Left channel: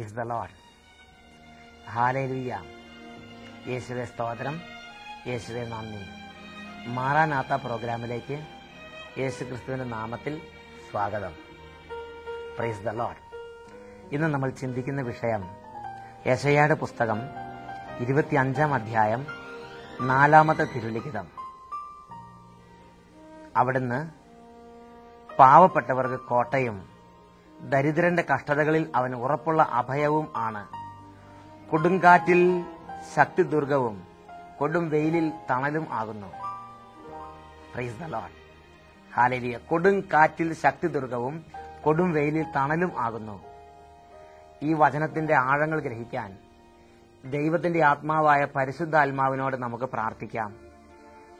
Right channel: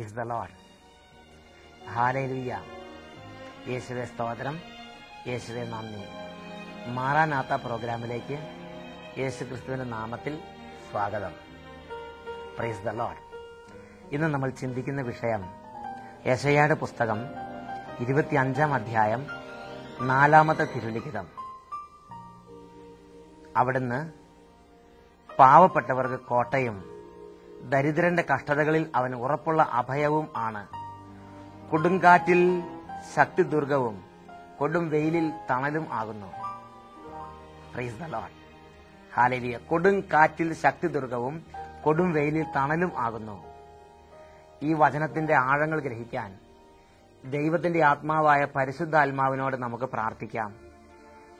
Praise the Lord. ഹല്ലേലൂയ. യേശുവേ സ്തോത്രം, യേശുവേ നന്ദി. മാറാനാത്ത പ്രോഗ്രാമിലേക്ക് യേശു ക്രിസ്തുവിന്റെ നാമത്തിൽ സ്വാഗതം. Praise the Lord. ഇന്ന് നമ്മൾ ചിന്തിക്കുന്ന വിഷയം യെശയ്യായുടെ പുസ്തകം 25-ാം അധ്യായം 4-ാമത്തെ തിരുലിഖിതം. അവിടുന്ന് പാവപ്പെട്ടവർക്ക് കോട്ടയും ദരിദ്രന്റെ കഷ്ടതകളിൽ അവൻ ഉറപ്പുള്ള അഭയവും ആണ്. കൊടുങ്കാറ്റിൽ ശക്തിദുർഗവും കൊടും വെയിലിൽ തണലും ആകുന്നു. Praise the Lord. ഹല്ലേലൂയ. കൊടുങ്കാറ്റിൽ ശക്തിദുർഗവും കൊടും വെയിലിൽ തണലും ആകുന്നു. ഈ വചനത്തിന്റെ ആഴങ്ങൾ ഗ്രഹിക്കാൻ ദൈവത്തിന്റെ ആത്മാവായ പരിശുദ്ധാത്മാവിനോട് നമുക്ക് പ്രാർത്ഥിക്കാം.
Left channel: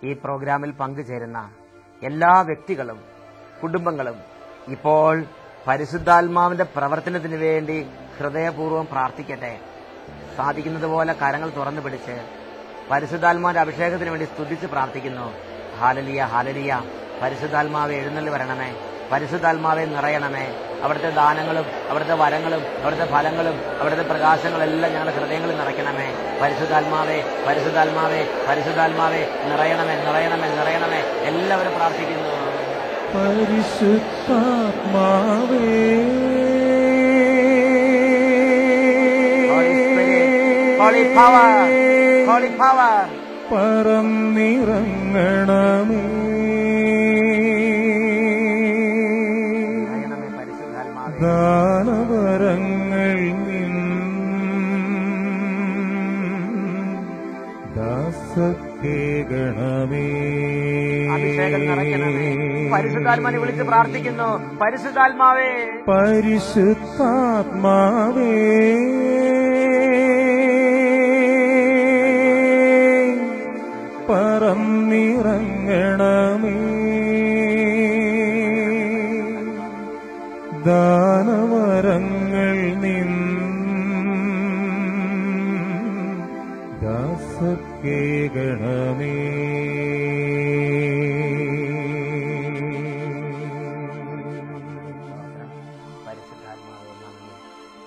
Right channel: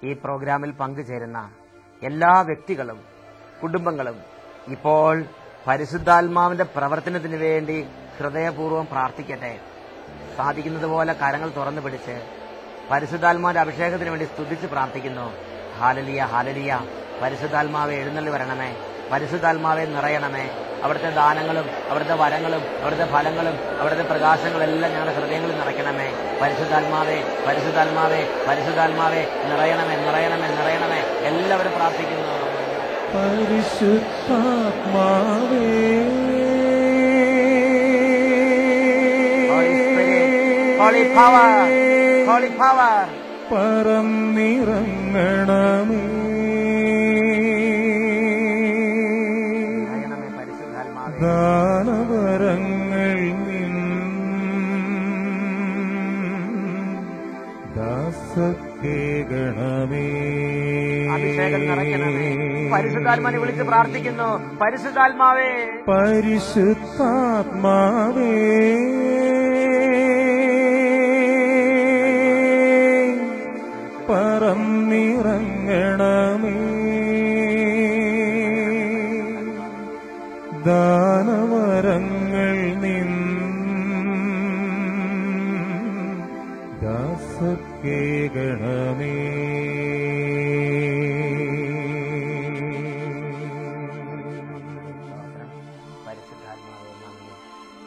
ഈ പ്രോഗ്രാമിൽ പങ്കുചേരുന്ന എല്ലാ വ്യക്തികളും കുടുംബങ്ങളും ഇപ്പോൾ പരിശുദ്ധാത്മാവിന്റെ പ്രവർത്തനത്തിന് വേണ്ടി ഹൃദയപൂർവ്വം പ്രാർത്ഥിക്കട്ടെ. സാധിക്കുന്നത് പോലെ കരങ്ങൾ തുറന്നു പിടിച്ച് പരിശുദ്ധാത്മാവിന്റെ അഭിഷേകത്തിന് വേണ്ടി സ്തുതിച്ച് പ്രാർത്ഥിക്കുന്നു. ഹല്ലേലൂയ, ഹല്ലേലൂയ. പരിശുദ്ധാത്മാവെ എഴുന്നള്ളി വരണമേ, പരിശുദ്ധാത്മാവെ നിറയണമേ. അവിടുത്തെ ദാനങ്ങളും അവിടുത്തെ വരങ്ങളും അവിടുത്തെ ഫലങ്ങളും അവിടുത്തെ പ്രകാശങ്ങളെല്ലാം ഞങ്ങളുടെ ഹൃദയങ്ങളിൽ നിറയ്ക്കണമേ. പരിശുദ്ധാത്മാവെ, പരിശുദ്ധാത്മാവെ, പരിശുദ്ധാത്മാവെ നിറയണമേ, നിറയണമേ, നിറയണമേ. എല്ലാവരും പ്രാർത്ഥിക്കുന്നു. പരിശുദ്ധാത്മാവേ, Holy power, Holy power, പറന്നിറങ്ങണമേ. ദാനവരങ്ങൾ നിൻ ദാസക്കേകണമേ. അഭിഷേകം നിറയ്ക്കണമേ. പരിശുദ്ധാത്മാവിനെ വിളിച്ച് പ്രാർത്ഥിക്കുന്നു. പരിശുദ്ധാത്മാവേ, പരിശുദ്ധാത്മാവേ, പറന്നിറങ്ങണമേ. ദാനവരങ്ങൾ നിൻ ദാസക്കേകണമേ. പരിശുദ്ധാത്മാവേ നന്ദി,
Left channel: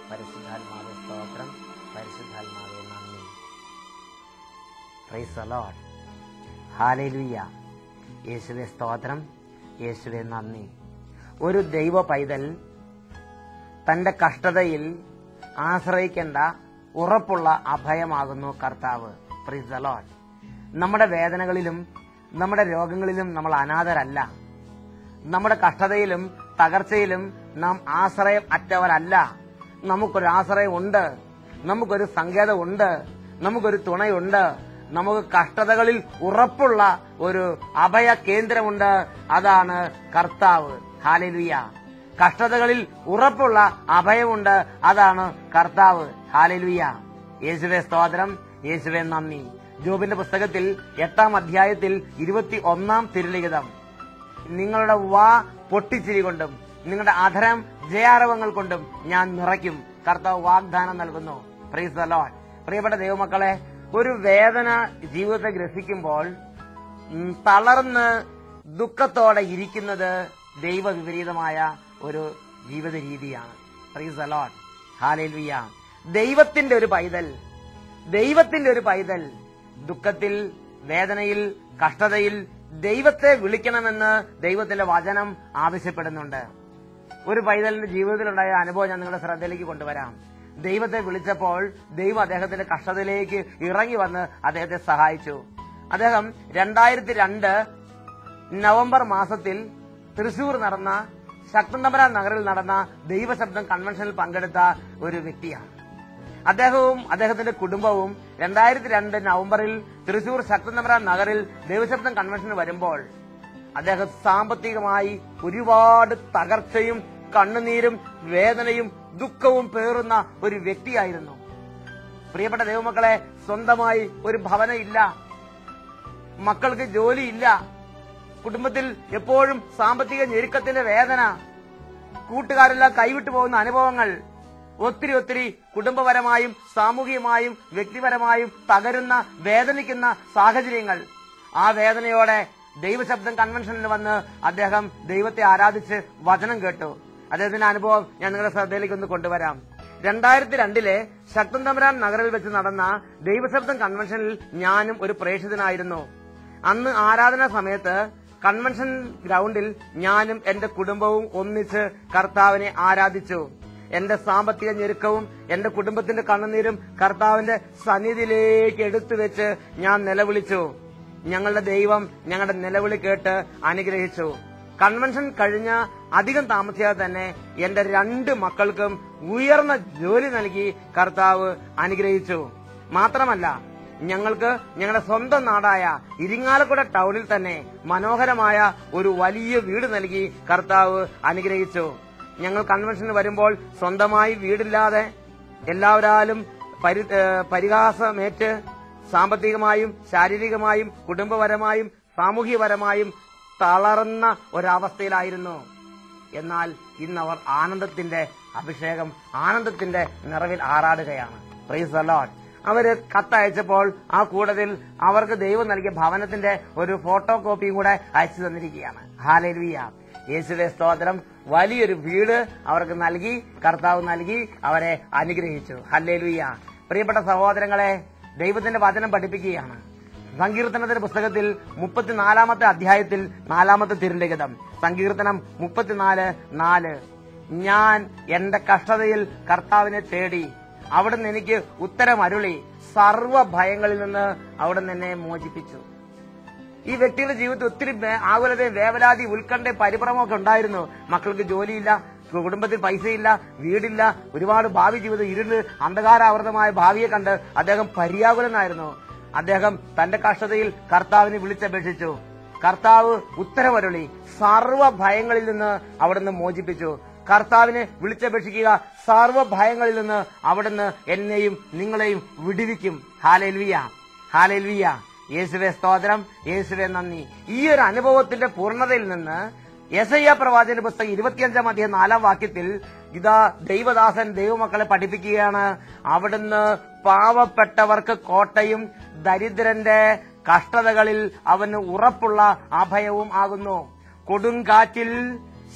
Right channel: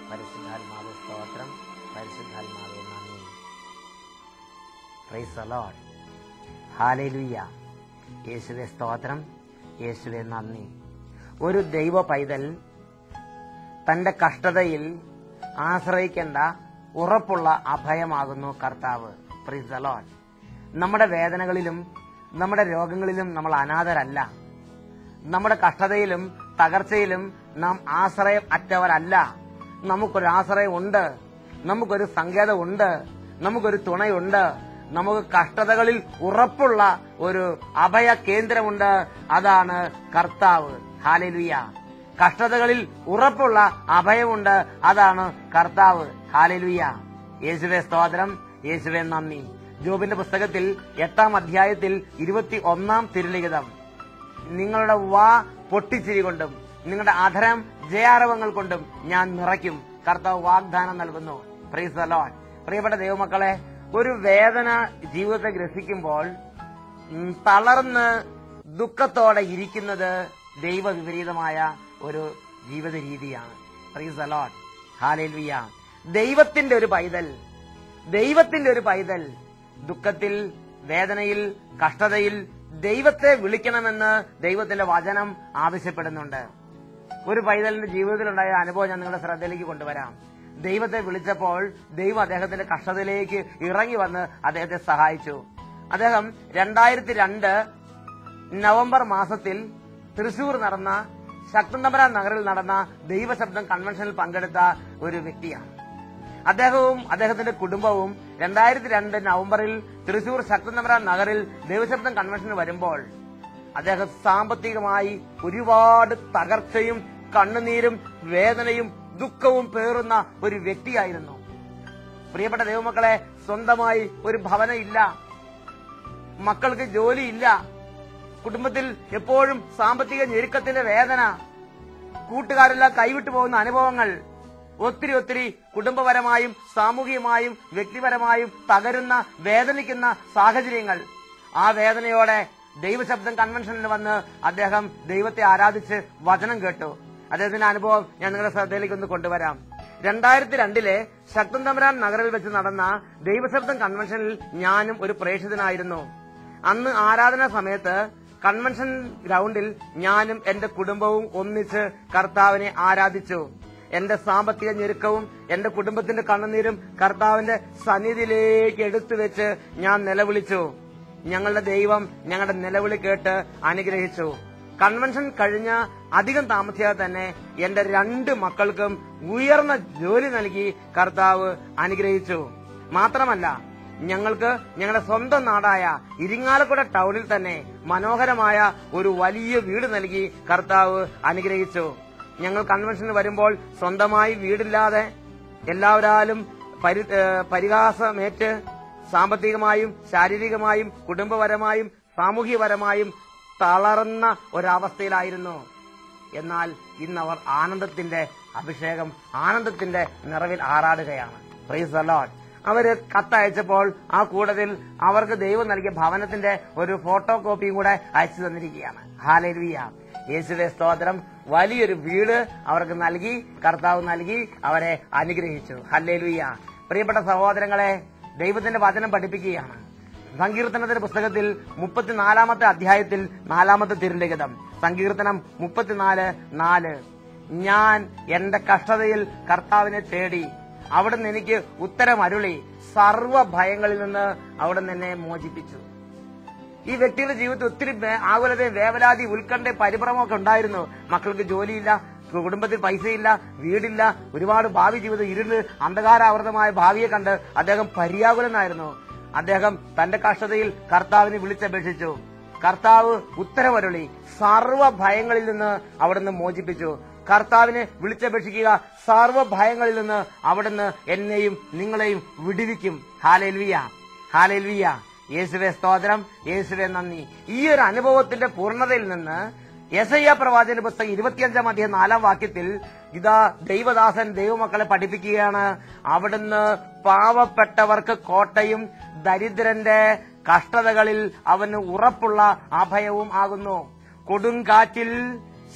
പരിശുദ്ധാത്മാവേ സ്തോത്രം, പരിശുദ്ധാത്മാവേ നന്ദി. Praise the Lord. ഹല്ലേലൂയ. യേശുവേ സ്തോത്രം, യേശുവേ നന്ദി. ഒരു ദൈവ പൈതൽ തന്റെ കഷ്ടതയിൽ ആശ്രയിക്കേണ്ട ഉറപ്പുള്ള അഭയമാകുന്നു കർത്താവ്. Praise the Lord. നമ്മുടെ വേദനകളിലും നമ്മുടെ രോഗങ്ങളിലും നമ്മൾ അനാഥരല്ല. നമ്മുടെ കഷ്ടതയിലും തകർച്ചയിലും നാം ആശ്രയം അറ്റവരല്ല. നമുക്കൊരു ആശ്രയമുണ്ട്, നമുക്കൊരു സങ്കേതമുണ്ട്, നമുക്കൊരു തുണയുണ്ട്. നമുക്ക് കഷ്ടതകളിൽ ഉറപ്പുള്ള ഒരു അഭയ കേന്ദ്രമുണ്ട്. അതാണ് കർത്താവ്. ഹല്ലേലൂയ. കഷ്ടതകളിൽ ഉറപ്പുള്ള അഭയമുണ്ട്. അതാണ് കർത്താവ്. ഹല്ലേലൂയ. യേശുവേ സ്തോത്രം, യേശുവേ നന്ദി. ജോബിന്റെ പുസ്തകത്തിൽ 8-ാം അധ്യായത്തിൽ 21-ാം തിരുലിഖിതം. നിങ്ങളുടെ വാ പൊട്ടിച്ചിരി കൊണ്ടും നിങ്ങളുടെ അധരം ജയാരവങ്ങൾ കൊണ്ടും ഞാൻ നിറയ്ക്കും. കർത്താവ് വാഗ്ദാനം നൽകുന്നു. Praise the Lord. പ്രിയപ്പെട്ട ദൈവമക്കളെ, ഒരു വേദന ജീവിതത്തെ ഗ്രസിക്കുമ്പോൾ തളർന്ന് ദുഃഖത്തോടെ ഇരിക്കുന്നത് ദൈവവിപരീതമായ ഒരു ജീവിത രീതിയാണ്. Praise the Lord. ഹല്ലേലൂയ. ദൈവത്തിന്റെ ഒരു പൈതൽ ദുഃഖത്തിൽ, വേദനയിൽ, കഷ്ടതയിൽ ദൈവത്തെ വിളിക്കണമെന്ന് ദൈവത്തിന്റെ വചനം ആവശ്യപ്പെടുന്നുണ്ട്. ഒരു പൈതലിന്റെ ജീവിതത്തിലുണ്ടായ അനുഭവം ഞാൻ നിങ്ങളുടെ ശ്രദ്ധയിലേക്ക് കൊണ്ടുവരാം. ദൈവത്തെ വിളിച്ചപ്പോൾ ദൈവം അദ്ദേഹത്തിന്റെ കഷ്ടതയിലേക്ക് ഇറങ്ങി വന്ന് അദ്ദേഹത്തെ സഹായിച്ചു. അദ്ദേഹം 2002 നവംബർ മാസത്തിൽ തൃശൂർ നടന്ന ശക്തന്തപുരം നഗറിൽ നടന്ന ദൈവശബ്ദം കൺവെൻഷനിൽ പങ്കെടുത്ത ഒരു വ്യക്തിയാണ്. അദ്ദേഹവും അദ്ദേഹത്തിന്റെ കുടുംബവും 2002 നവംബറിൽ തൃശൂർ ശക്തന്തപുരം നഗറിൽ ദൈവശബ്ദം കൺവെൻഷന് വരുമ്പോൾ അദ്ദേഹം സാമ്പത്തികമായി ഒരുപാട് തകർച്ചയും കണ്ണുനീരും വേദനയും ദുഃഖവും പേറുന്ന ഒരു വ്യക്തിയായിരുന്നു. പ്രിയപ്പെട്ട ദൈവമക്കളെ, സ്വന്തമായി ഒരു ഭവനം ഇല്ല, മക്കൾക്ക് ജോലിയില്ല, കുടുംബത്തിൽ എപ്പോഴും സാമ്പത്തിക ഞെരുക്കത്തിന്റെ വേദന, കൂട്ടുകാരെല്ലാം കൈവിട്ടു പോകുന്ന അനുഭവങ്ങൾ, ഒത്തിരി കുടുംബപരമായും സാമൂഹികമായും വ്യക്തിപരമായും തകരുന്ന വേദനിക്കുന്ന സാഹചര്യങ്ങൾ. ആ വേദനയോടെ ദൈവശബ്ദം കൺവെൻഷനിൽ വന്ന് അദ്ദേഹം ദൈവത്തെ ആരാധിച്ച് വചനം കേട്ടു. അദ്ദേഹത്തിന്റെ അനുഭവം ഞാൻ നിങ്ങളുടെ ശ്രദ്ധയിലേക്ക് ഒന്ന് കൊണ്ടുവരാം. 2002 ശക്തൻ തമ്പുരാൻ നഗറിൽ വെച്ച് നടന്ന ദൈവശബ്ദം കൺവെൻഷനിൽ ഞാനും ഒരു പ്രേക്ഷിതനായിരുന്നു. അന്ന് ആരാധനാ സമയത്ത് കൺവെൻഷൻ ഗ്രൗണ്ടിൽ ഞാനും എന്റെ കുടുംബവും ഒന്നിച്ച് കർത്താവിനെ ആരാധിച്ചു. എന്റെ സാമ്പത്തിക ഞെരുക്കവും എന്റെ കുടുംബത്തിന്റെ കണ്ണുനീരും കർത്താവിന്റെ സന്നിധിയിലേക്ക് എടുത്തു വെച്ച് ഞാൻ നിലവിളിച്ചു. ഞങ്ങളുടെ ദൈവം ഞങ്ങളുടെ നിലവിളി കേട്ട് അനുഗ്രഹിച്ചു. കൺവെൻഷൻ കഴിഞ്ഞ അധികം താമസിയാതെ തന്നെ എന്റെ 2 മക്കൾക്കും ഉയർന്ന ജോലി നൽകി കർത്താവ് അനുഗ്രഹിച്ചു. മാത്രമല്ല, ഞങ്ങൾക്ക് ഞങ്ങളുടെ സ്വന്തം നാടായ ഇരിങ്ങാലക്കുട ടൗണിൽ തന്നെ മനോഹരമായ ഒരു വലിയ വീട് നൽകി കർത്താവ് അനുഗ്രഹിച്ചു. ഞങ്ങൾ കൺവെൻഷന് വരുമ്പോൾ സ്വന്തമായി വീടില്ലാതെ എല്ലാവരാലും പരിഹാസമേറ്റ് സാമ്പത്തികമായും ശാരീരികമായും കുടുംബപരമായും സാമൂഹ്യപരമായും തളർന്ന ഒരവസ്ഥയിലായിരുന്നു. എന്നാൽ ഇന്നവർ ആനന്ദത്തിന്റെ അഭിഷേകം, ആനന്ദത്തിന്റെ നിറവിൽ ആറാടുകയാണ്. Price the Lord. അവര് കത്തയച്ചപ്പോൾ ആ കൂട്ടത്തിൽ അവർക്ക് ദൈവം നൽകിയ ഭവനത്തിന്റെ ഒരു ഫോട്ടോ കോപ്പിയും കൂടെ അയച്ചു തന്നിരിക്കുകയാണ്. ഹല്ലേലൂയ. യേശുവേ സ്തോത്രം. വലിയൊരു വീട് അവർക്ക് നൽകി, കർത്താവ് നൽകി അവരെ അനുഗ്രഹിച്ചു. ഹല്ലേലൂയ. പ്രിയപ്പെട്ട സഹോദരങ്ങളെ, ദൈവത്തിന്റെ വചനം പഠിപ്പിക്കുകയാണ്. സങ്കീർത്തനത്തിന്റെ പുസ്തകത്തിൽ 34 അധ്യായത്തിൽ 4 തിരുലിഖിതം, സങ്കീർത്തനം 34:4, ഞാൻ എന്റെ കഷ്ടതയിൽ കർത്താവിനെ തേടി, അവിടുന്ന് എനിക്ക് ഉത്തരം അരുളി, സർവ്വ ഭയങ്ങളിൽ നിന്ന് അവിടുന്ന് എന്നെ മോചിപ്പിച്ചു. ഈ വ്യക്തിയുടെ ജീവിതത്തിൽ ഒത്തിരി ആകുലതയും വേവലാതി, ഉത്കണ്ഠയും പരിഭ്രമമൊക്കെ ഉണ്ടായിരുന്നു. മക്കൾക്ക് ജോലിയില്ല, കുടുംബത്തിൽ പൈസയില്ല, വീടില്ല, ഒരുപാട് ഭാവി ജീവിതം ഇരുണ്ട് അന്ധകാരാവൃതമായ ഭാവിയെ കണ്ട് അദ്ദേഹം പര്യാകുലനായിരുന്നു. അദ്ദേഹം തന്റെ കഷ്ടതയിൽ കർത്താവിനെ വിളിച്ചപേക്ഷിച്ചു. കർത്താവ് ഉത്തരവരുളി, സർവ്വ ഭയങ്ങളിൽ നിന്ന് അവിടുന്ന് മോചിപ്പിച്ചു. കർത്താവിനെ വിളിച്ചപേക്ഷിക്കുക, സർവ്വ ഭയങ്ങളിൽ നിന്ന് അവിടുന്ന് എന്നെയും നിങ്ങളെയും വിടുവിക്കും. ഹല്ലേലൂയ, ഹല്ലേലൂയ. യേശുവേ സ്തോത്രം, യേശുവേ നന്ദി. ഈ ഒരു അനുഭവത്തിന്റെ പൂർണ്ണതയിൽ നിന്ന് യെശയ്യാ പ്രവാചകന്റെ പുസ്തകം 25 അധ്യായം 4 വാക്യത്തിൽ ഇതാ ദൈവദാസൻ ദൈവമക്കളെ പഠിപ്പിക്കുകയാണ്. അവിടുന്ന് പാവപ്പെട്ടവർക്ക് കോട്ടയും ദരിദ്രന്റെ കഷ്ടതകളിൽ അവന് ഉറപ്പുള്ള അഭയവും ആകുന്നു. കൊടുങ്കാറ്റിൽ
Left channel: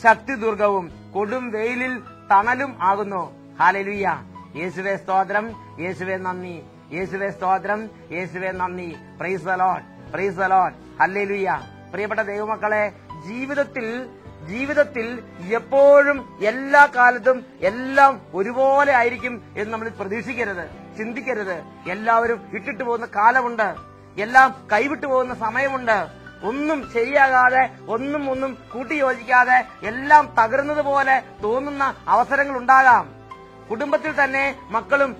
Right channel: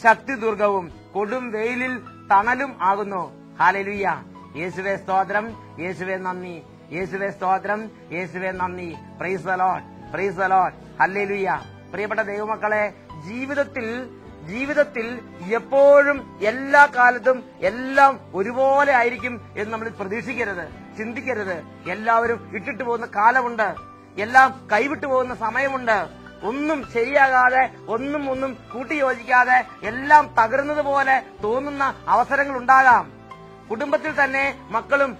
ശക്തിദുർഗവും കൊടും വെയിലിൽ തണലും ആകുന്നു. ഹല്ലേലൂയ. യേശുവേ സ്തോത്രം, യേശുവേ നന്ദി. യേശുവേ സ്തോത്രം, യേശുവേ നന്ദി. Praise the Lord, price the lord. Hallelujah. പ്രിയപ്പെട്ട ദൈവമക്കളെ, ജീവിതത്തിൽ എപ്പോഴും എല്ലാ കാലത്തും എല്ലാം ഒരുപോലെ ആയിരിക്കും എന്ന് നമ്മൾ പ്രതീക്ഷിക്കരുത്, ചിന്തിക്കരുത്. എല്ലാവരും ഇട്ടിട്ട് പോകുന്ന കാലമുണ്ട്, എല്ലാം കൈവിട്ടു പോകുന്ന സമയമുണ്ട്. ഒന്നും ശരിയാകാതെ, ഒന്നും കൂട്ടിയോജിക്കാതെ എല്ലാം തകർന്നതുപോലെ തോന്നുന്ന അവസരങ്ങൾ ഉണ്ടാകാം. കുടുംബത്തിൽ തന്നെ മക്കളും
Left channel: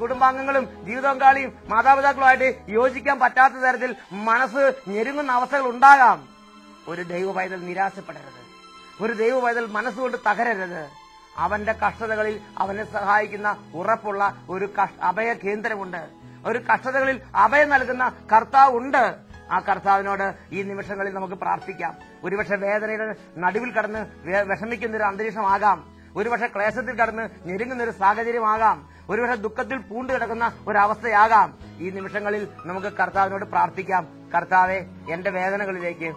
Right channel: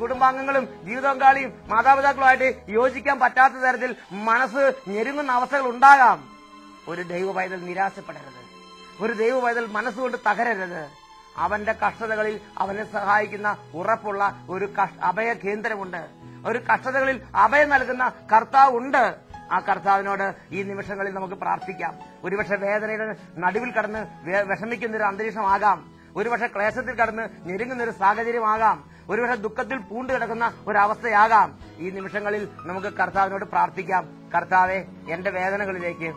കുടുംബാംഗങ്ങളും ജീവിതപങ്കാളിയും മാതാപിതാക്കളുമായിട്ട് യോജിക്കാൻ പറ്റാത്ത തരത്തിൽ മനസ്സ് ഞെരുങ്ങുന്ന അവസ്ഥകൾ ഉണ്ടാകാം. ഒരു ദൈവ പൈതൽ നിരാശപ്പെടരുത്. ഒരു ദൈവ പൈതൽ മനസ്സുകൊണ്ട് തകരരുത്. അവന്റെ കഷ്ടതകളിൽ അവനെ സഹായിക്കുന്ന ഉറപ്പുള്ള ഒരു അഭയ കേന്ദ്രമുണ്ട്. ഒരു കഷ്ടതകളിൽ അഭയം നൽകുന്ന കർത്താവ് ഉണ്ട്. ആ കർത്താവിനോട് ഈ നിമിഷങ്ങളിൽ നമുക്ക് പ്രാർത്ഥിക്കാം. ഒരുപക്ഷെ വേദനയുടെ നടുവിൽ കടന്ന് വിഷമിക്കുന്ന ഒരു അന്തരീക്ഷമാകാം. ഒരുപക്ഷെ ക്ലേശത്തിൽ കടന്ന് ഞെരുങ്ങുന്ന ഒരു സാഹചര്യമാകാം. ഒരുപക്ഷെ ദുഃഖത്തിൽ പൂണ്ടു കിടക്കുന്ന ഒരവസ്ഥയാകാം. ഈ നിമിഷങ്ങളിൽ നമുക്ക് കർത്താവിനോട് പ്രാർത്ഥിക്കാം. കർത്താവെ, എന്റെ വേദനകളിലേക്ക്,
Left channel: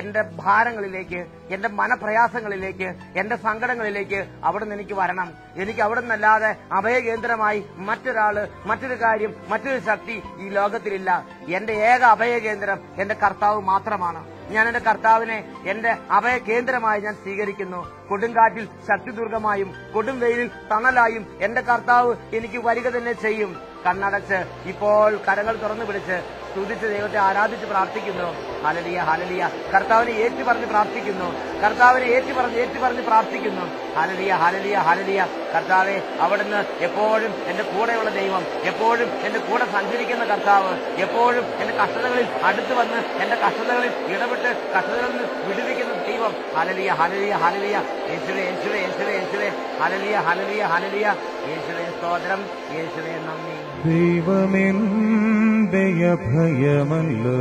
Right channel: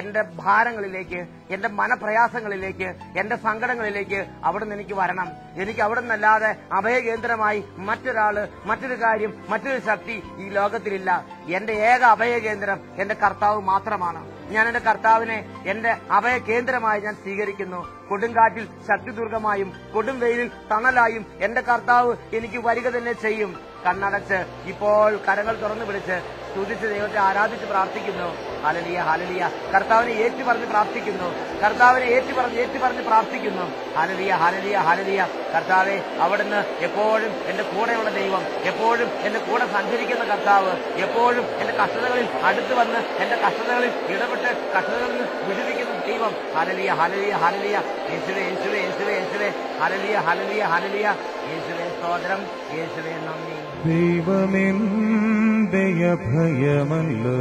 എന്റെ ഭാരങ്ങളിലേക്ക്, എന്റെ മനപ്രയാസങ്ങളിലേക്ക്, എന്റെ സങ്കടങ്ങളിലേക്ക് അവിടുന്ന് എനിക്ക് വരണം. എനിക്ക് അവിടുന്നല്ലാതെ അഭയകേന്ദ്രമായി മറ്റൊരു കാര്യം, മറ്റൊരു ശക്തി ഈ ലോകത്തിലില്ല. എന്റെ ഏക അഭയകേന്ദ്രം എന്റെ കർത്താവ് മാത്രമാണ്. ഞാൻ എന്റെ കർത്താവിനെ എന്റെ അഭയകേന്ദ്രമായി ഞാൻ സ്വീകരിക്കുന്നു. കൊടുങ്കാറ്റിൽ ശക്തിദുർഗമായും കൊടും വെയിലിൽ തണലായും എന്റെ കർത്താവ് എനിക്ക് വരിക തന്നെ ചെയ്യും. കണ്ണടച്ച് ഇപ്പോൾ കരങ്ങൾ തുറന്നു പിടിച്ച് സ്തുതിച്ച് ദൈവത്തെ ആരാധിച്ച് പ്രാർത്ഥിക്കുന്നു. ഹല്ലേലൂയ, ഹല്ലേലൂയ. കർത്താവിനെ ഏറ്റുപറഞ്ഞ് പ്രാർത്ഥിക്കുന്നു. കർത്താവിനെ ഏറ്റുപറഞ്ഞ് പ്രാർത്ഥിക്കുന്നു. ഹല്ലേലൂയ, ഹല്ലേലൂയ, ഹല്ലേലൂയ. കർത്താവെ, അവിടുന്ന് എപ്പോഴും എന്റെ കൂടെയുള്ള ദൈവം, എപ്പോഴും എന്റെ കൂടെ സഞ്ചരിക്കുന്ന കർത്താവ്, എപ്പോഴും എന്റെ കഷ്ടതകളിൽ അടുത്ത് വന്ന് എന്റെ കഷ്ടതകളിൽ ഇടപെട്ട് കഷ്ടതകളിൽ നിന്ന് വിടുവിക്കുന്ന ദൈവം. ഹല്ലേലൂയ, ഹല്ലേലൂയ, ഹല്ലേലൂയ. യേശുവേ, യേശുവേ, യേശുവേ, യേശുവേ. ഹല്ലേലൂയ, ഹല്ലേലൂയ, ഹല്ലേലൂയ. യേശുവേ സ്തോത്രം, യേശുവേ നന്ദി. ദൈവമെന്റെ അഭയമല്ലോ,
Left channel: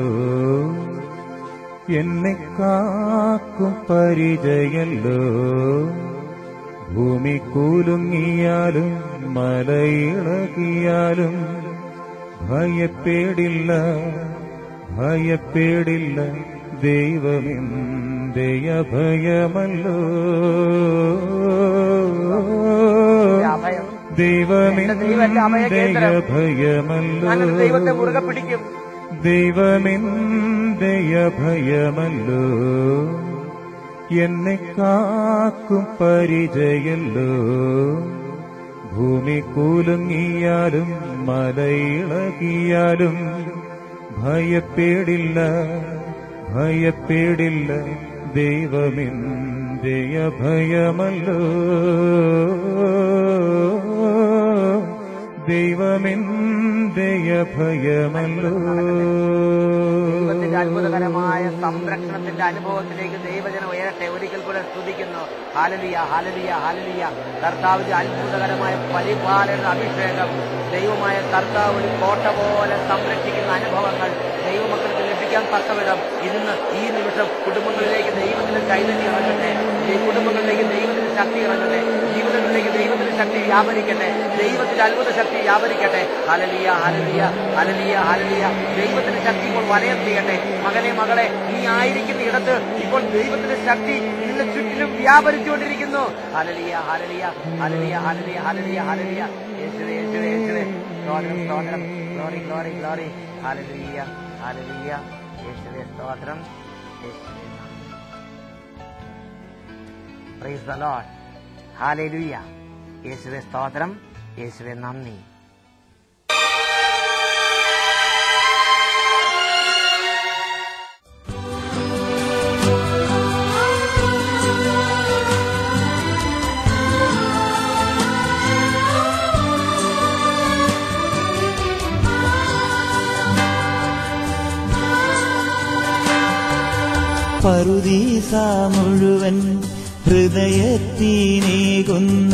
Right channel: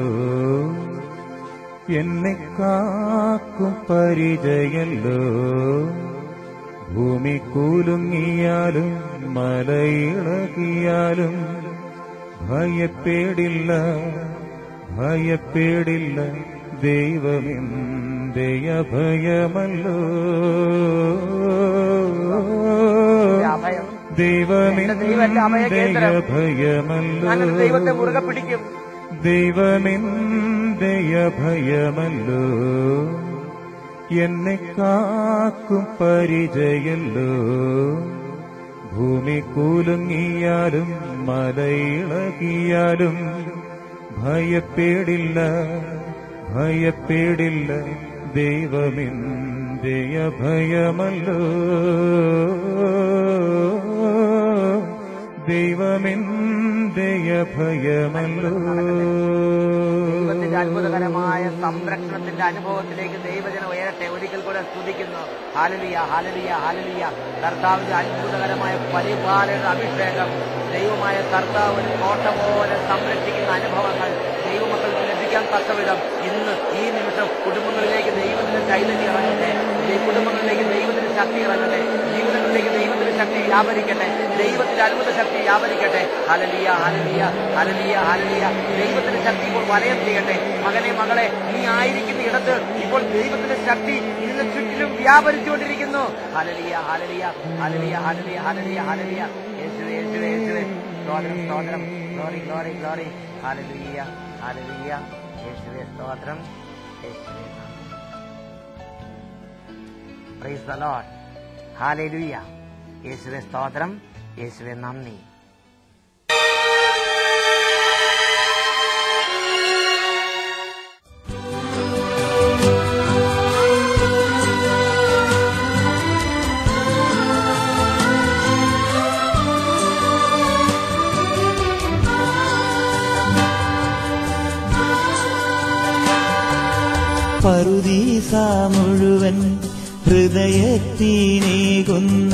എന്നെ കാക്കും പരിചയല്ലോ. ഭൂമി കുലുങ്ങിയാലും മലയിളകിയാലും ഭയപ്പെടില്ല, ഭയപ്പെടില്ല. ദൈവമെന്റെ അഭയമല്ലോ, ദൈവമെന്റെ അഭയമല്ലോ, ഞാനൊരു ദൈവത്തെ മുറുകെ പിടിക്കും. ദൈവമെന്റെ അഭയമല്ലോ, എന്നെ കാക്കും പരിചയല്ലോ. ഭൂമി കുലുങ്ങിയാലും മലയിളകിയാലും ഭയപ്പെടില്ല, ഭയപ്പെടില്ല. ദൈവമെന്റെ അഭയമല്ലോ, ദൈവമെന്റെ അഭയമല്ലോ. ദൈവത്തിന്റെ അത്ഭുതകരമായ സംരക്ഷണത്തിന്റെ അനുഭവത്തിലേക്ക് ദൈവജനം ഉയരട്ടെ. ഒരിക്കൽ കൂടെ സ്തുതിക്കുന്നു. ഹല്ലേലൂയ, ഹല്ലേലൂയ, ഹല്ലേലൂയ. കർത്താവിന്റെ അത്ഭുതകരമായ പരിപാലന അഭിഷേകം, ദൈവമായ കർത്താവ് ഒരു കോട്ട പോലെ സംരക്ഷിക്കുന്ന അനുഭവങ്ങൾ ദൈവമക്കൾക്ക് ലഭിക്കാൻ തക്കവിധം ഇന്ന് ഈ നിമിഷം കുടുംബങ്ങളിലേക്ക് ദൈവത്തിന്റെ ചൈതന്യം ഇറങ്ങട്ടെ. ഈ കുടുംബങ്ങളിലേക്ക് ദൈവത്തിന്റെ ശക്തി ഇറങ്ങട്ടെ. ജീവിതങ്ങളിലേക്ക് ദൈവത്തിന്റെ ശക്തി വ്യാപരിക്കട്ടെ. ദൈവത്തിന്റെ അത്ഭുത ശക്തി വ്യാപരിക്കട്ടെ. ഹല്ലേലൂയ, ഹല്ലേലൂയ, ഹല്ലേലൂയ, ഹല്ലേലൂയ. ദൈവത്തിന്റെ ശക്തി ഇപ്പോൾ വലയം ചെയ്യട്ടെ. മകനെ, മകളെ, നീ ആയിരിക്കുന്ന ഇടത്ത് ഇപ്പോൾ ദൈവത്തിന്റെ ശക്തി നിന്റെ ചുറ്റിലും വ്യാപരിച്ചുകൊണ്ടിരിക്കുന്നു. ഹല്ലേലൂയ, ഹല്ലേലൂയ, ഹല്ലേലൂയ, ഹല്ലേലൂയ, ഹല്ലേലൂയ, ഹല്ലേലൂയ. യേശുവേ, യേശുവേ, യേശുവേ. സ്തോത്രം, സ്തോത്രം. Glory, glory, glory. ഹല്ലേലൂയ, ഹല്ലേലൂയ. യേശുവേ സ്തോത്രം. യേശുവേ നന്ദി. Praise the lord. ഹല്ലേലൂയ. യേശുവേ സ്തോത്രം. യേശുവേ നന്ദി. പറുദീസ മുഴുവൻ ഹൃദയത്തിനേകുന്ന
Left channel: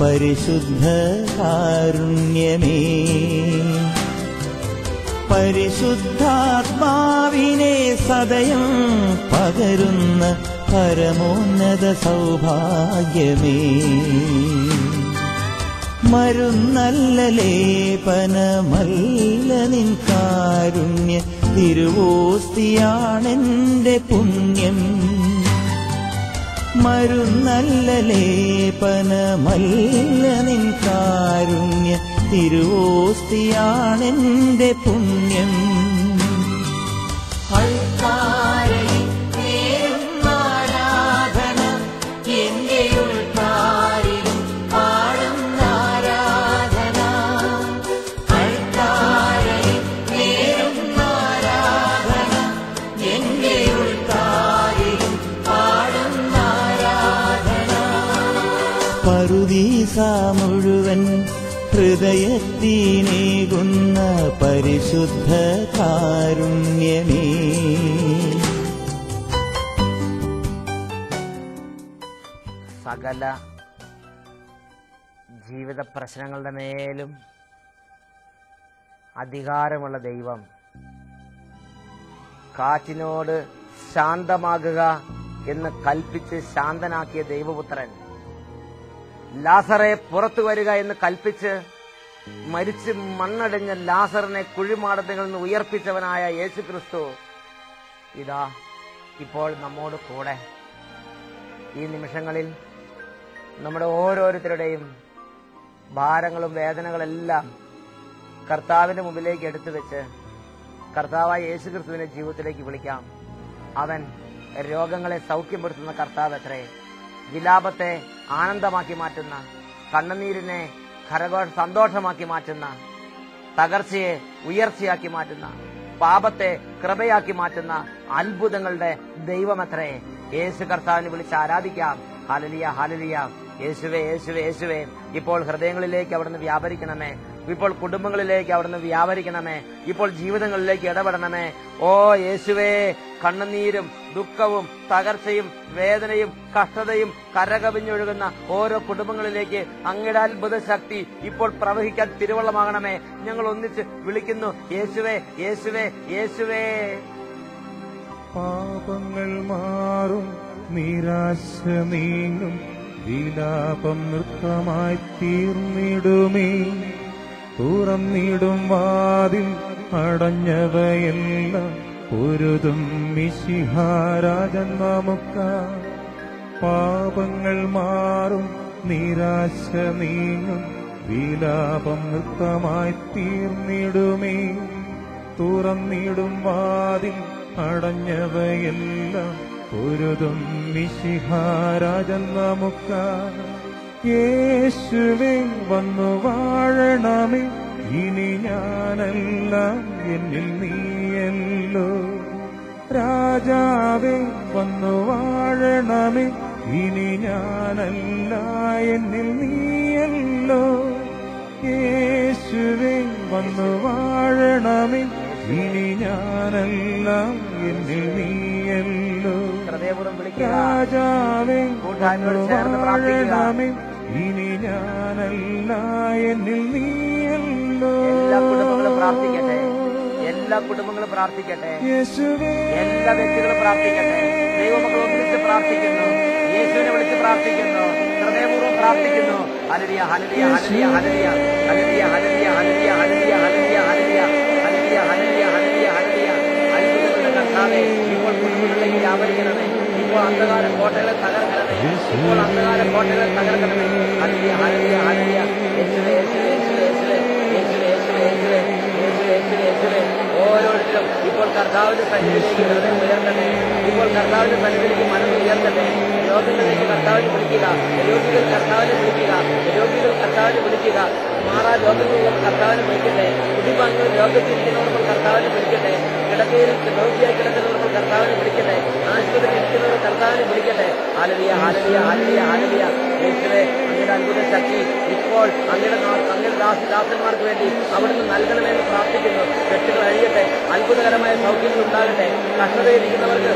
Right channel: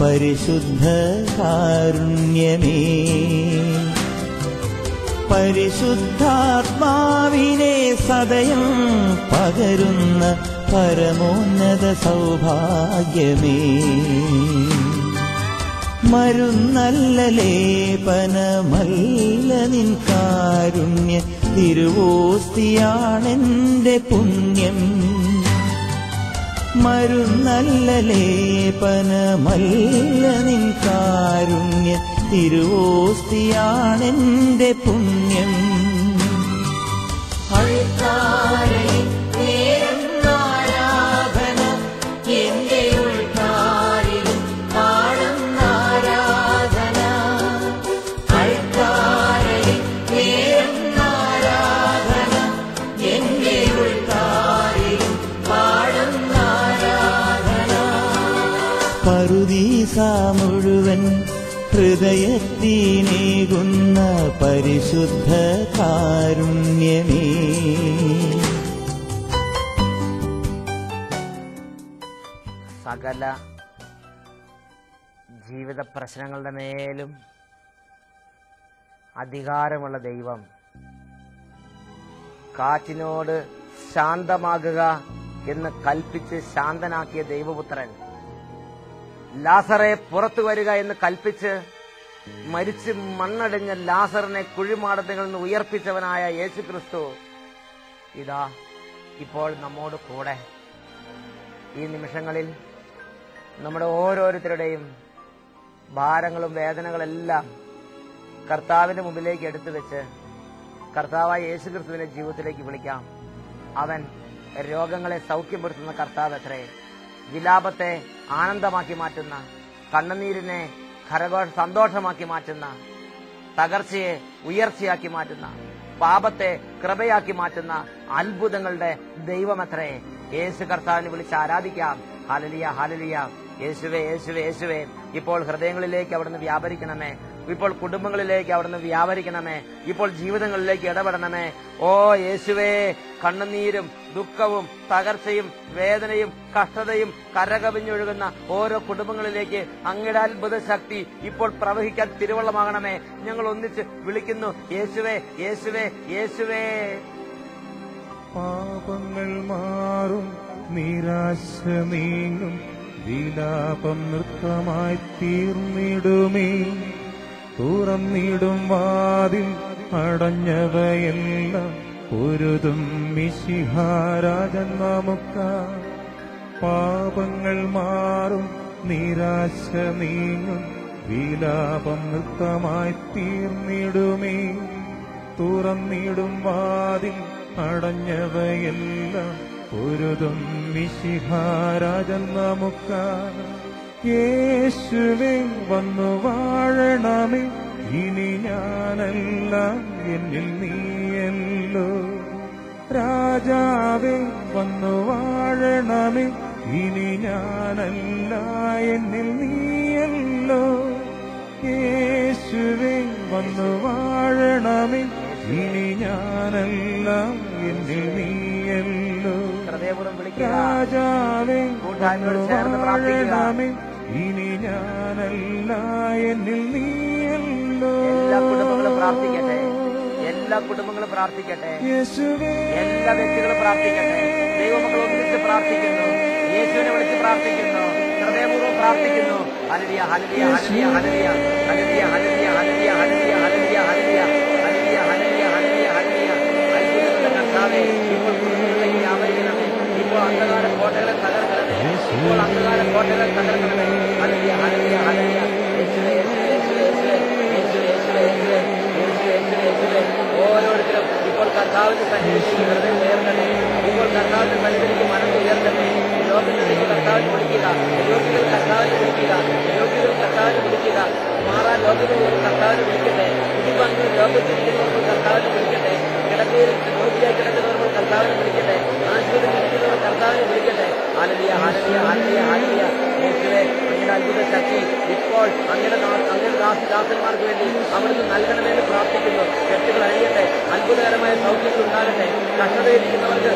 പരിശുദ്ധ കാരുണ്യമേ, പരിശുദ്ധാത്മാവിനെ സദയം പകരുന്ന പരമോന്നത സൗഭാഗ്യമേ, മരുന്നല്ല ലേപനമല്ല നിൻ കാരുണ്യ തിരുവോസ്തിയാണെന്റെ പുണ്യം, മരുന്നല്ല ലേപനമല്ല നിൻ കാരുണ്യ തിരുവോസ്തിയാണെന്റെ പുണ്യം. പറുദീസ മുഴുവൻ ഹൃദയത്തിനേകുന്ന പരിശുദ്ധ കാരുണ്യമേ. സകല ജീവിത പ്രശ്നങ്ങളുടെ മേലും അധികാരമുള്ള ദൈവം, കാറ്റിനോട് ശാന്തമാകുക എന്ന് കൽപ്പിച്ച് ശാന്തനാക്കിയ ദൈവപുത്രൻ, ലാസറെ പുറത്തു വരിക എന്ന് കൽപ്പിച്ച് മരിച്ച് മണ്ണടഞ്ഞ ലാസറിനെ കുഴിമാടത്തിൽ നിന്ന് ഉയർപ്പിച്ചവനായ യേശുക്രിസ്തു ഇതാ ഇപ്പോൾ നമ്മോട് കൂടെ. ഈ നിമിഷങ്ങളിൽ നമ്മുടെ ഓരോരുത്തരുടെയും ഭാരങ്ങളും വേദനകളെല്ലാം കർത്താവിന്റെ മുമ്പിലേക്ക് എടുത്തു വെച്ച് കർത്താവായ യേശുക്രിസ്തുവിനെ ജീവിതത്തിലേക്ക് വിളിക്കാം. അവൻ രോഗങ്ങളെ സൗഖ്യപ്പെടുത്തുന്ന കർത്താവ് അത്രേ. വിലാപത്തെ ആനന്ദമാക്കി മാറ്റുന്ന, കണ്ണുനീരിനെ സന്തോഷമാക്കി മാറ്റുന്ന, തകർച്ചയെ ഉയർച്ചയാക്കി മാറ്റുന്ന, പാപത്തെ കൃപയാക്കി മാറ്റുന്ന അത്ഭുതങ്ങളുടെ ദൈവമത്രേ. യേശു കർത്താവിനെ വിളിച്ച് ആരാധിക്കാം. ഹല്ലേലൂയ, ഹല്ലേലൂയ. യേശുവേ, യേശുവേ, യേശുവേ. ഇപ്പോൾ ഹൃദയങ്ങളിലേക്ക് അവിടുന്ന് വ്യാപരിക്കണമേ. ഇപ്പോൾ കുടുംബങ്ങളിലേക്ക് അവിടുന്ന് വ്യാപരിക്കണമേ. ഇപ്പോൾ ജീവിതങ്ങളിലേക്ക് ഇടപെടണമേ. ഓ യേശുവേ, കണ്ണുനീരും ദുഃഖവും തകർച്ചയും വേദനയും കഷ്ടതയും കരകവിഞ്ഞൊഴുകുന്ന ഓരോ കുടുംബങ്ങളിലേക്ക് അങ്ങയുടെ അത്ഭുത ശക്തി ഇപ്പോൾ പ്രവഹിക്കാൻ തിരുവള്ളമാകണമേ. ഞങ്ങൾ ഒന്നിച്ച് വിളിക്കുന്നു. യേശുവേ, യേശുവേ, യേശുവേ. പാപങ്ങൾ മാറും, നിരാശ നീങ്ങും, വിലാപം നൃത്തമായി തീർന്നിടുമേ. തുറന്നിടും വാതിൽ അടഞ്ഞവയെല്ലാം പൊരുതും മിശിഹാരാജൻ നമുക്കാ. പാപങ്ങൾ മാറും, നിരാശ നീങ്ങും, വിലാപം നൃത്തമായി തീർന്നിടുമേ. തുറന്നിടും വാതിൽ അടഞ്ഞവയെല്ലാം പൊരുതും മിശിഹാരാജൻ നമുക്കായി. യേശുവേ വന്നു വാഴണമേ, ഇനി ഞാനെല്ലാം എന്നിൽ നീയല്ലോ. രാജാവേ വന്നു വാഴണമേ, ഇനി ഞാനല്ല എന്നിൽ നീയല്ലോ. യേശുവേ വന്നു വാഴണമേ, ഇനി ഞാനെല്ലാം എന്നിൽ നീയല്ലോ. രാജാവേ വന്നു വാഴണമേ, ഇനി ഞാനല്ല എന്നിൽ നീയല്ലോ. എല്ലാ കുടുംബങ്ങളും പ്രാർത്ഥിക്കട്ടെ, എല്ലാ കുടുംബങ്ങളും പ്രാർത്ഥിക്കട്ടെ, എല്ലാ വ്യക്തികളും പ്രാർത്ഥിക്കട്ടെ. ദൈവമക്കൾ ഒന്നിച്ച് പ്രാർത്ഥിക്കുന്നു, യേശുവിനെ വിളിച്ച് പ്രാർത്ഥിക്കുന്നു, ഹൃദയപൂർവ്വം പ്രാർത്ഥിക്കുന്നു. ഹല്ലേലൂയ, ഹല്ലേലൂയ, ഹല്ലേലൂയ, ഹല്ലേലൂയ, ഹല്ലേലൂയ, ഹല്ലേലൂയ, ഹല്ലേലൂയ, ഹല്ലേലൂയ, ഹല്ലേലൂയ, ഹല്ലേലൂയ, ഹല്ലേലൂയ, ഹല്ലേലൂയ, ഹല്ലേലൂയ. അത്ഭുതങ്ങളുടെ കർത്താവേ, ഇപ്പോൾ കുടുംബങ്ങളിലേക്ക് വ്യാപരിക്കണമേ. ഇപ്പോൾ അന്ധകാര കോട്ടകളെ തകർക്കണമേ. ഇപ്പോൾ അന്ധകാര കോട്ടകളെ തകർക്കണമേ. ഹല്ലേലൂയ, ഹല്ലേലൂയ, ഹല്ലേലൂയ. യേശുവേ, യേശുവേ, യേശുവേ, യേശുവേ, യേശുവേ, യേശുവേ, യേശുവേ, യേശുവേ, യേശുവേ. ഓരോരുത്തരും ഇപ്പോൾ കർത്താവിന്റെ സന്നിധിയിലേക്ക് ഹൃദയം ഉയർത്തട്ടെ. ഇപ്പോൾ കർത്താവിന്റെ സന്നിധിയിലേക്ക് മനസ്സ് ഉയർത്തട്ടെ. രോഗങ്ങളിലേക്ക് കർത്താവിനെ വിളിക്കുക, രോഗികൾ കർത്താവിനെ വിളിക്കുക, രോഗികൾ കർത്താവിനെ വിളിക്കുക. മാറാ രോഗങ്ങളുള്ള കർത്താവിനെ വിളിക്കട്ടെ. കുടിഭാഗങ്ങൾ രോഗത്തിരിക്കുന്നവർ കർത്താവിനെ വിളിക്കട്ടെ. കിടക്കയിൽ രോഗിയായി കിടക്കുന്നവർ കർത്താവിനെ വിളിക്കട്ടെ. ആശുപത്രിയിൽ ഇരിക്കുന്നവർ കർത്താവിനെ വിളിക്കട്ടെ. ഹല്ലേലൂയ, ഹല്ലേലൂയ, ഹല്ലേലൂയ, ഹല്ലേലൂയ. യേശുവേ, അങ്ങയുടെ അത്ഭുത ശക്തി ഇപ്പോൾ അങ്ങയുടെ ദാസന്മാർക്ക് വേണ്ടി അവിടുന്ന് നൽകണമെന്ന് പ്രാർത്ഥിക്കുന്നു. കെട്ടുകൾ അഴിയട്ടെ, അത്ഭുതകരമായ സൗഖ്യങ്ങൾ ഉണ്ടാകട്ടെ. കഷ്ടതയിലിരിക്കുന്നവർക്ക്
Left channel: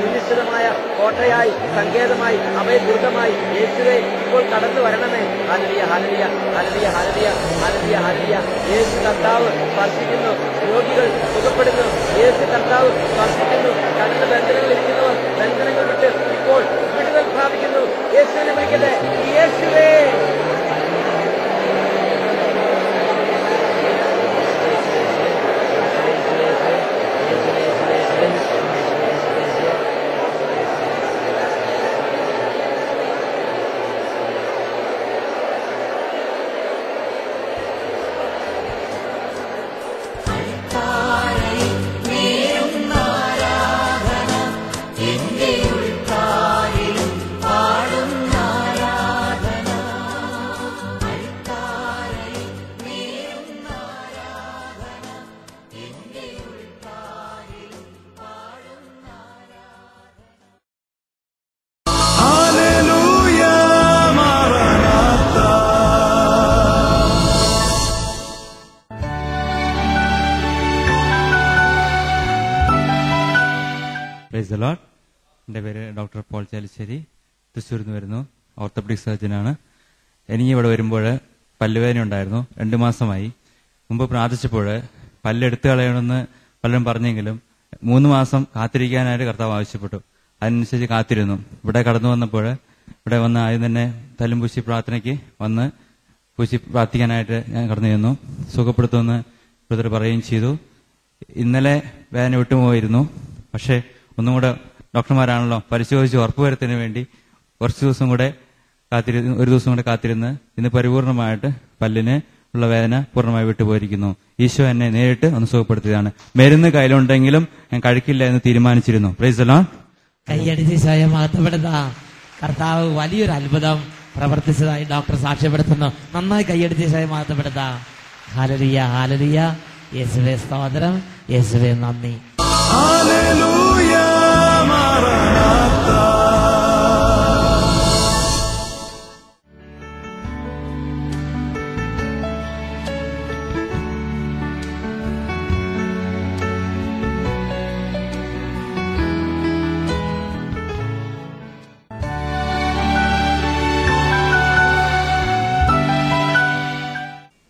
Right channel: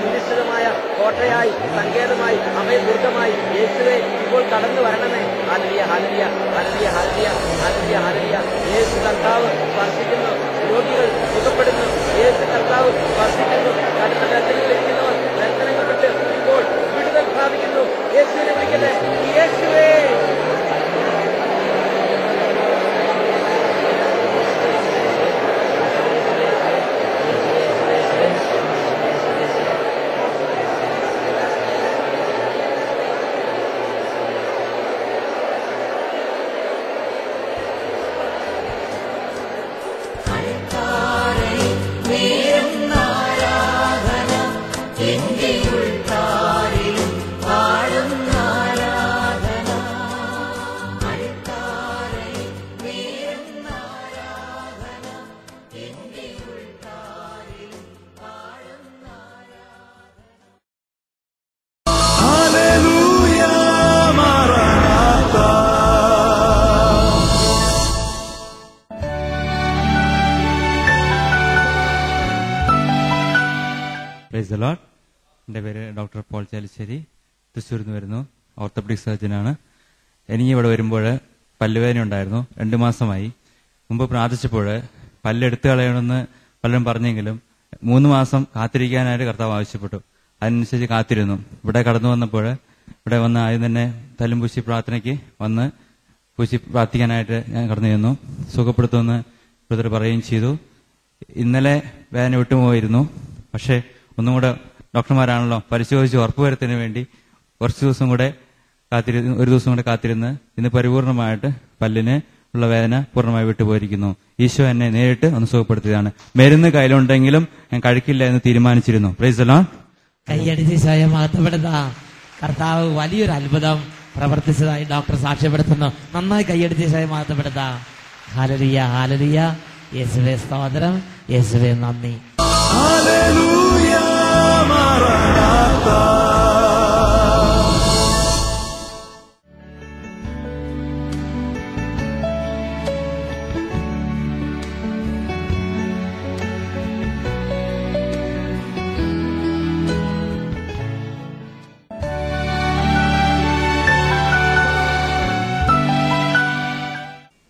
സുനിശ്ചിതമായ കോട്ടയായി, സങ്കേതമായി, അഭയദുർഗമായി യേശുവേ ഇപ്പോൾ കടന്നു വരണമേ. ഹല്ലേലൂയ, ഹല്ലേലൂയ, ഹല്ലേലൂയ, ഹല്ലേലൂയ, ഹല്ലേലൂയ, ഹല്ലേലൂയ. യേശു കർത്താവ് സ്പർശിക്കുന്നു, രോഗികൾ സുഖപ്പെടുന്നു. യേശു കർത്താവ് സ്പർശിക്കുന്നു, കടന്ന ബന്ധനങ്ങൾ ഇരിക്കുന്നവർ ബന്ധനങ്ങൾ വിട്ട് ഇപ്പോൾ വിടുതൽ പ്രാപിക്കുന്നു. യേശുവിനെ വിളിക്കട്ടെ, യേശുവേ. എൻ്റെ പേര് ഡോക്ടർ പോൾ ചാലിശ്ശേരി, തൃശ്ശൂരിൽ നിന്ന് വരുന്നു. ഓർത്തോപെഡിക് സർജനാണ്. എനിക്ക് ഇവിടെ വരുമ്പോൾ പല്ലുവേദന ഉണ്ടായിരുന്നു. 2 മാസമായി. മുമ്പ് പ്രാർത്ഥിച്ചപ്പോൾ പല്ലെടുത്ത് കളയണമെന്ന് പലരും പറഞ്ഞെങ്കിലും 3 മാസം കാത്തിരിക്കാനായിട്ട് കർത്താവ് ആവശ്യപ്പെട്ടു. അതിനനുസരിച്ച് കാത്തിരുന്നു. ഇവിടെ കടന്നു വന്നപ്പോൾ ഇവിടെ വന്ന് ആദ്യം തന്നെ തല്ലും പൂശി പ്രാർത്ഥനയ്ക്ക് വന്ന് പൂശി പ്രാർത്ഥിക്കാനായിട്ട് ഞാൻ കടന്നു ചെന്നു. സുഖപ്പെടുത്തുമെന്ന് ബ്രദർ പറയുകയും ചെയ്തു. ഇന്നലെ വേദന വിട്ടുപോയിരുന്നു. പക്ഷേ ഒന്നും കൂടെ ഡോക്ടർമാരാണല്ലോ പരിശോധിച്ച് ഉറപ്പുവരുത്തുന്നതിന് വേണ്ടി കുറച്ച് ദിവസം കൂടെ ഒരു ദിവസം കൂടെ കാത്തിരുന്ന് ഇന്ന് പരിപൂർണമായിട്ട് പല്ലിന് ഉള്ള വേദന പൂർണ്ണമായി വിട്ടുപോയിരിക്കുന്നു. ഈശോ എന്നെ നേരിട്ട് ഒന്ന് സുഖപ്പെടുത്തിയതാണ്. മരുന്ന് കയ്യിലുണ്ടെങ്കിലും ഞാൻ കഴിക്കില്ല എന്ന് തീരുമാനിച്ചിരുന്നു. Price the Lord. കൈയടിച്ച് സ്വയം മഹത്വപ്പെടുന്ന കർത്താവ് വലിയൊരു അത്ഭുതം പ്രവർത്തിച്ചതായി ഡോക്ടർ സാക്ഷ്യപ്പെടുത്തുന്നു. നന്നായി കൈയടിച്ച് സ്വയം മഹത്വപ്പെടുത്താം. ഹല്ലേലൂയ, ഹല്ലേലൂയ. യേശുവേ സ്തോത്രം, യേശുവേ നന്ദി. ഹല്ലേലൂയ, മറനാഥാ.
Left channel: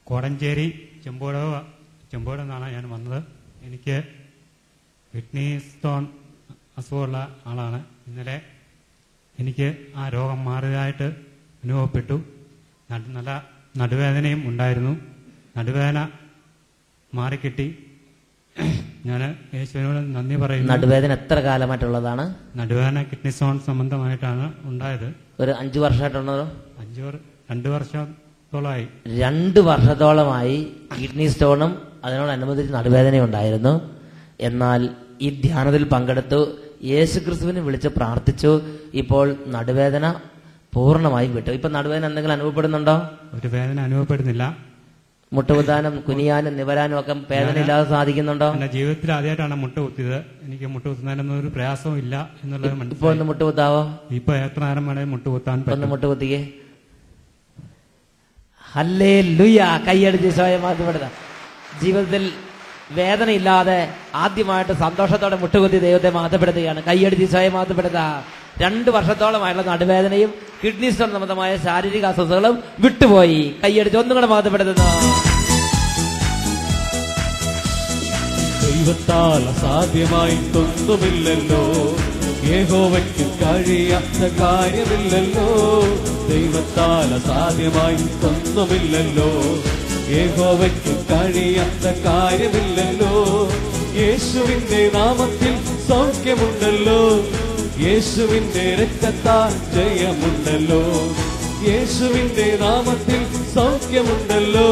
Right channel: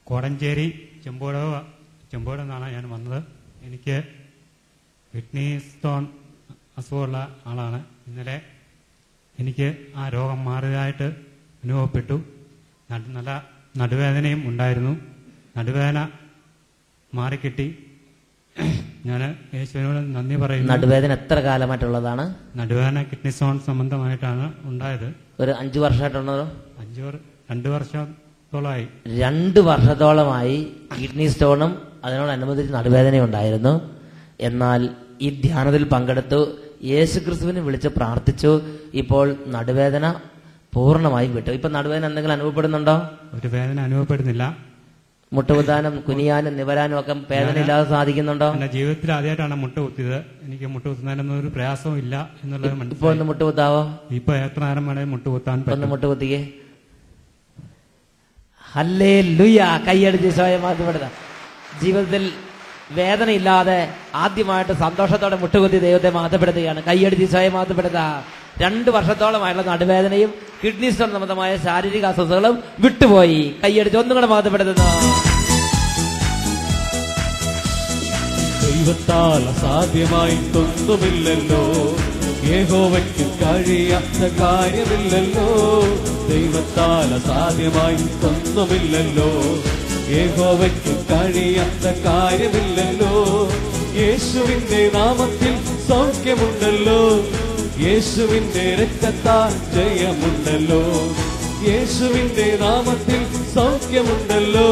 കോടഞ്ചേരി ചെമ്പോട് നിന്നാണ് ഞാൻ വന്നത്. എനിക്ക് കിഡ്നി സ്റ്റോൺ അസുഖമുള്ള ആളാണ്. ഇന്നലെ എനിക്ക് ആ രോഗം മാറിയതായിട്ട് അനുഭവപ്പെട്ടു. നല്ല നടുവേദനയും ഉണ്ടായിരുന്നു. നടുവേദന മാറിക്കിട്ടി. ഞാൻ യേശുവിനോട് നന്ദി പറയുന്നു. നടുവേദന എത്ര കാലമായിട്ടുള്ളതാണ്? നടുവേദന കിഡ്നി സ്റ്റോൺ സംബന്ധമായിട്ടാണ് ഉണ്ടായത്. ഒരു 5 വർഷമായിട്ടുണ്ടോ? 2 വർഷം വർഷത്തോളമായി. 2 വർഷത്തോളമായി കിഡ്നി സ്റ്റോണും അതിനോടനുബന്ധിച്ച് നടുവേദനയും ഉണ്ടായിരുന്നു. എന്നാൽ ഈ ധ്യാനത്തിൽ പങ്കെടുത്തു, യേശുക്രിസ്തുവിനെ വിളിച്ച് പ്രാർത്ഥിച്ചു. ഇപ്പോൾ നടുവേദന പൂർണ്ണമായും വിട്ടു. ഇപ്പൊ നടുവേദന എന്തെങ്കിലും അനുഭവപ്പെടുന്നുണ്ടോ? ഒരു വേദന അനുഭവപ്പെടുന്നില്ല. മുട്ടുകുത്താനും കുനിയാനും നിവരാനും ഒക്കെ വേദന ഇല്ലാതെ സാധിക്കുന്നുണ്ടോ? എന്റെ ജീവിതത്തിൽ ആദ്യമായിട്ടാണ് മുട്ട കുത്തിയത്. എനിക്ക് മുട്ട കുത്തുന്നതിനൊന്നും ഒരു പ്രയാസവും ഇല്ല എന്നുള്ളത് ഇപ്പൊ മനസ്സിലായി. ഒന്ന് മുട്ടുകുത്താവോ? ഇപ്പൊ എത്ര നേരം വേണേലും മുട്ട കുത്താൻ ഒന്ന് പറ്റും. മുട്ടുകുത്തിക്കേ. ഹല്ലേലൂയ. കൈയടിച്ച് ഈശോയെ മഹത്വപ്പെടുത്താം. ജീവിതത്തിൽ വേദനയില്ലാതെ ആദ്യമായിട്ട് സന്തോഷത്തോടെ മുട്ടുകുത്തി ദൈവത്തെ മഹത്വപ്പെടുത്തുകയാണ്. കൈയടിച്ച് ഈശോയെ മഹത്വപ്പെടുത്താം. 2 വർഷത്തോളമായുള്ള നടുവേദനയും കിഡ്നി സ്റ്റോൺ സംബന്ധമായ ശാരീരിക അസ്വസ്ഥതകളും വിട്ടുപോയി. കൈയടിച്ച് ഒന്നും കൂടെ മഹത്വപ്പെടുത്തുന്നു. ദൈവത്താൽ അസാധ്യമായിട്ടൊന്നുമില്ലല്ലോ, യഹോവയ്ക്ക് കഴിയാത്ത കാര്യമില്ലല്ലോ. ദൈവത്താൽ അസാധ്യമായിട്ടൊന്നുമില്ലല്ലോ, യഹോവയ്ക്ക് കഴിയാത്ത കാര്യമില്ലല്ലോ. യേശുവിന്റെ നാമത്തിൽ സൗഖ്യമുണ്ടല്ലോ, യേശുവിന്റെ രക്തത്താൽ ജയമുണ്ടല്ലോ. യേശുവിന്റെ നാമത്തിൽ സൗഖ്യമുണ്ടല്ലോ,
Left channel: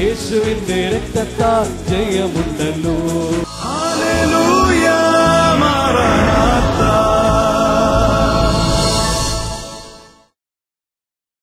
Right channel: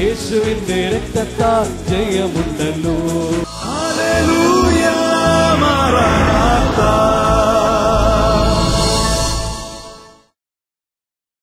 യേശുവിന്റെ രക്തത്താൽ ജയമുണ്ടല്ലോ. ഹല്ലേലൂയ.